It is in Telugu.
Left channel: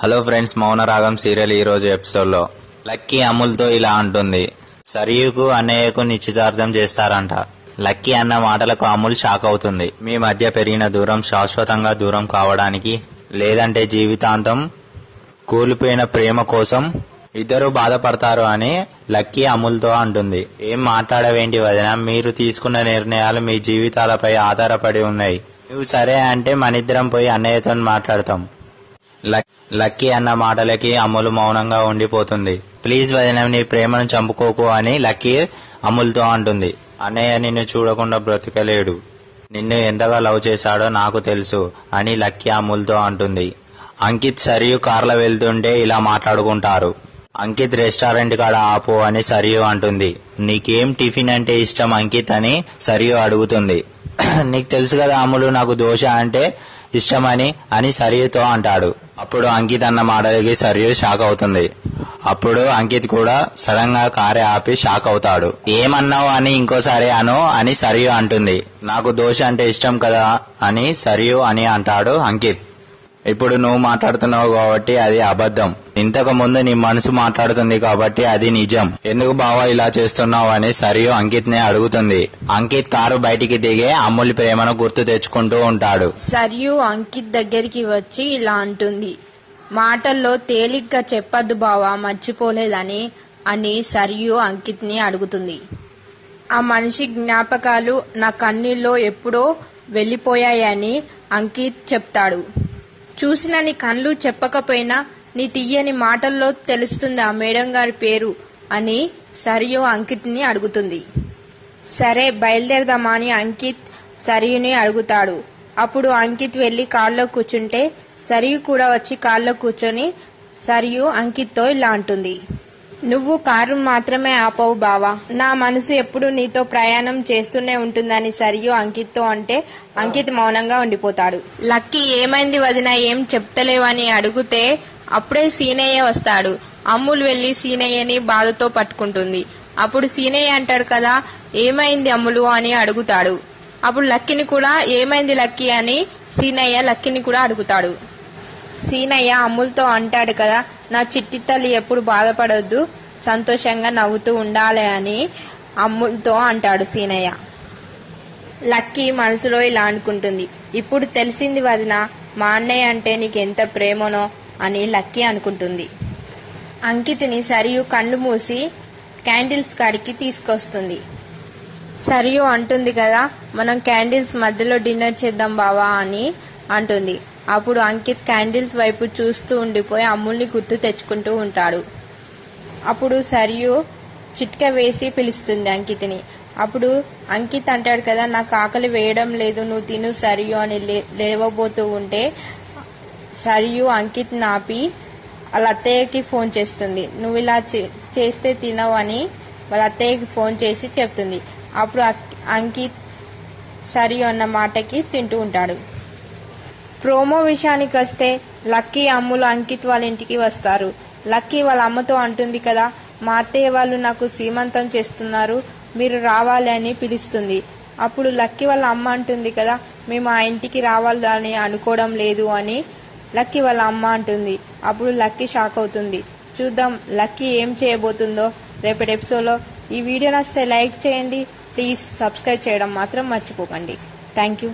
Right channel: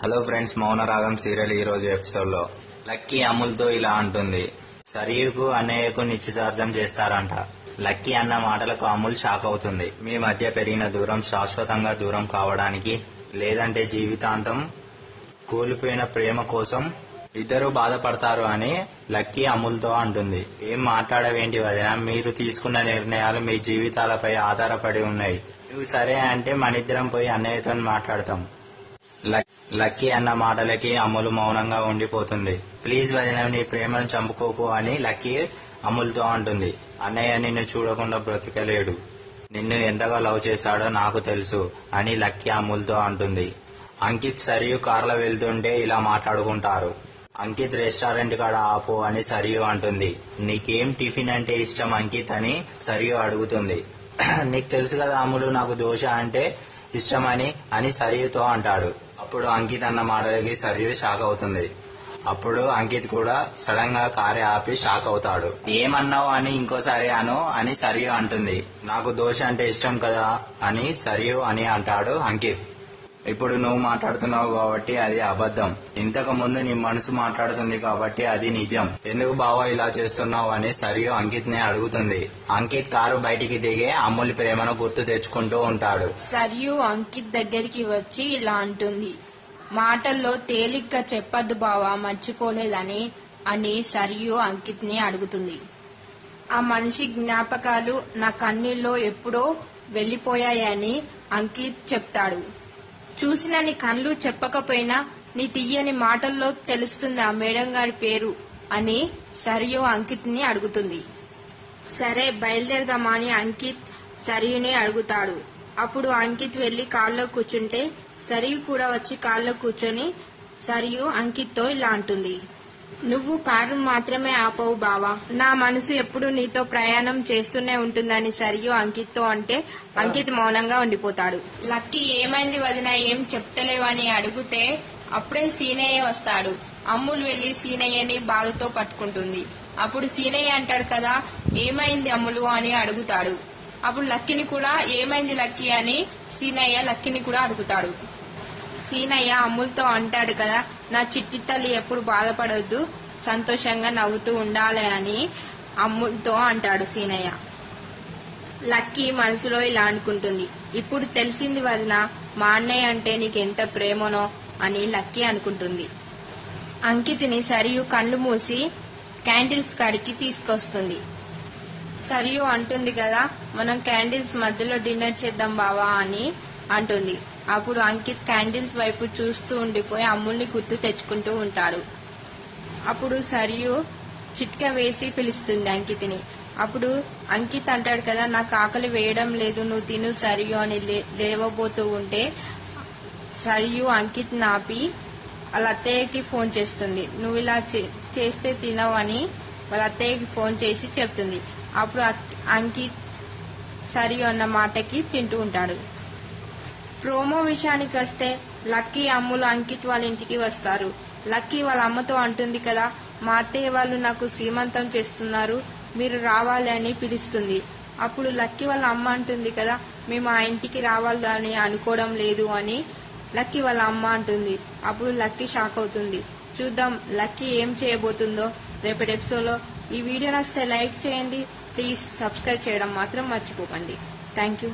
హలో ఫ్రెండ్స్, మౌనరాగం సీరియల్ ఈ రోజు ఎపిసోడ్ లో లక్కీ అమూల్తో ఇలా అంటుంది. సరియుకు అన్నయ్యకు నిశ్చితార్థం చేస్తారంట. లక్కీ అన్న మాటలకు అమూల్ షాక్ అవుతుంది. మీ మధ్య పెరిగిన దూరం శాశ్వతంగా దూరం కావడానికి, లేదంటే జీవితాంతం కూలిపోయిన ప్రేమ కోసం ఇద్దరు బాధపడతారు అని లక్కీ అమూల్తో అంటుంది. ఏం మాట్లాడవేంటి వదిన, మీరు తీసుకున్న నిర్ణయాలు మీ జీవితాలపై ఆధారపడి ఉన్నాయి. నువ్వు సరే అంటే మనిద్దరం పోయి అన్నయ్యతో మాట్లాడతాం. లక్కీ అన్న మాటలకి అమూల్ మౌనంగా ఉండిపోతుంది. ప్లీజ్ వదిన, నీ ప్రేమను చంపుకోకు అని లక్కీ అమూల్తో అంటుంది. అన్నయ్య నిన్ను చూడకుండా బ్రతకలేడు, నిన్ను ఎంతగా లవ్ చేశాడో నాకు తెలుసు అని లక్కీ అమూల్తో అంటుంది. అంకిత్ సరియు కార్లో వెళ్తుంటే ఇలా మాట్లాడుకుంటారు. అంకిత్ రెస్టారెంట్ కాడ ఆపు అని సరియు అంటుంది. నీకేం టిఫిన్ అంటే ఇష్టం అంకిత్ అని సరియు అడుగుతుంది. నీకు తెలుసు కదా అమూలు, నాకు దోశ అంటే ఇష్టమని అని సరియుతో అంటాడు. అప్పుడు అంకిత్ అన్న మాటలకి సరియు షాక్ అవుతుంది. అప్పుడు అంకిత్ కూడా సడన్ గా కారే ఆపి షాక్ అవుతాడు. ఏమన్నావు అని ఇంకోసారి అను అని సరియు అంటుంది. నాకు దోశ అంటే ఇష్టం కదా అని సరియు అని అంటాడు అంకిత్. ఇప్పుడు నువ్వు మాట్లాడుతున్నావు కాబట్టి అది అబద్ధం, ఇంతకు ముందు నీ మనసు మాట్లాడుతుంది కాబట్టి అది నిజం. ఎందుకు బావా ఇలా చేస్తున్నావు అని సరియు అంకిత్ ని అడుగుతుంది. అంకిత్ కారు బయటికి దిగే అమూల్ ప్రేమను గుర్తు తెచ్చుకుంటూ ఉంటాడు. సరియు అంకిత్ దగ్గరికి వచ్చి ఇలా అంటుంది. మాటల్లో తేలిగ్గా చెప్పద్దు బావా, మర్చిపోలేదని అని సరియు అంకిత్ ని అడుగుతుంది. ఆ మనిషి జ్ఞాపకాలు నా కన్నీల్లో ఎప్పుడో వెళ్లిపోయాయని అంకిత్ చెప్తాడు. చూసిన నీ కళ్ళు చెప్పకపోయినా నీ తీయని మాటల్లో తెలుస్తుంది ఆ మేడం గారి పేరు అని సరియు అంకిత్ ని అడుగుతుంది. సరే బయలుదేరదామా అని అంకిత్ సరియుని అడుగుతాడు. అప్పుడు అంకిత్ వెళ్లి కార్లో కూర్చుంటే సరియు కూడా వచ్చి కార్లో కూర్చొని సరియు అంకిత్ తో ఇలా అంటుంది. నువ్వు కారు మాత్రమే ఆపవు బావా, నా మనసు ఎప్పుడు నీతో ప్రయాణం చేస్తూనే ఉంటుందని సరియు అంకిత్ తో అంటే అంకిత్ మౌనంగా ఉండిపోతాడు. లక్కీ ఏమైంది వదిన, ఏం చెప్తలేవని అడిగితే అప్పుడే సీనయ్య వస్తాడు. అమ్ములు వెళ్లి సీనయ్యని బాధతో పట్టుకుంటుంది. అప్పుడు సీనయ్య అంటాడు కదా, ఏమైంది అమ్ములు అని అడుగుతాడు. అప్పుడు లక్కీని కూడా ఏమైంది లక్కీ అని సీనయ్య లక్కీని కూడా అడుగుతాడు. సీనయ్య అమ్ములతో అంటాడు కదా, నా చిట్టి తల్లి ఎప్పుడు బాధపడొద్దు, సంతోషంగా నవ్వుతూ ఉండాలి అని అమ్ములతో అంటాడు సీనయ్య. లక్కీ మనసులో ఇలా అనుకుంటుంది. ఇప్పుడు తెలిసింది వదిన, మా అన్నయ్య అంటే నీకెంత ప్రేమనో అని లక్కీ అనుకుంటుంది. అంకిత్ని సరియు కళ్ళు మూసి క్యాండిల్స్ కాడికి తీసుకొస్తుంది. సరియు అంటుంది కదా, మనం క్యాండిల్స్ మధ్యలో డిన్నర్ చేద్దాం బావా అని అంటుంది. అప్పుడు అంకిత్ క్యాండిల్స్ వైపు చూస్తూ ఉండిపోయి అమ్ముల్ని గుర్తు తెచ్చుకుంటూ ఉంటాడు. అప్పుడు సరియు చిట్క వేసి పిలుస్తుంది అంకిత్ని. అప్పుడు అంకిత్ అంటాడు కదా, నాకు ఆకలి వేయడం లేదు, నువ్వు తిను సరియు అని లేవబోతూ ఉంటే సరియు అంకిత్ నాపి వాళ్ళ అత్తయ్యకి ఫోన్ చేస్తుంది. నువ్వు ఇలా చేస్తే తినవు అని వాళ్ళ అత్తయ్యకి ఫోన్ చేసి చెప్తుంది. అప్పుడు అంకిత్ సరియు అన్న మాటకి తింటూ ఉంటాడు. ప్రోమో విషయానికి వస్తే లక్కీ అమ్ములు అంకిత్ వాళ్ళ ఇంటికి వస్తారు. లక్కీ వాళ్ళ అమ్మతో అంటుంది కదా, మా అత్తయ్య వాళ్ళు నాకు సీమంతం చేస్తున్నారు, మీరు రావాలి అని పిలుస్తుంది. అప్పుడు లక్కీ వాళ్ళ అమ్మ అంటుంది కదా, మేము ఆ ఇంటికి రావాలి అని అనుకోవడం లేదు అని లక్కీ వాళ్ళ అమ్మ అంటుంది. అప్పుడు లక్కీ షాక్ అవుతుంది. చూద్దాం లక్కీ ఏం చేయబోతుందో రేపటి ఎపిసోడ్లో. ఈ వీడియో నచ్చితే లైక్ చేయండి, ప్లీజ్ సబ్స్క్రైబ్ చేయడం మాత్రం మర్చిపోకండి. Thank you.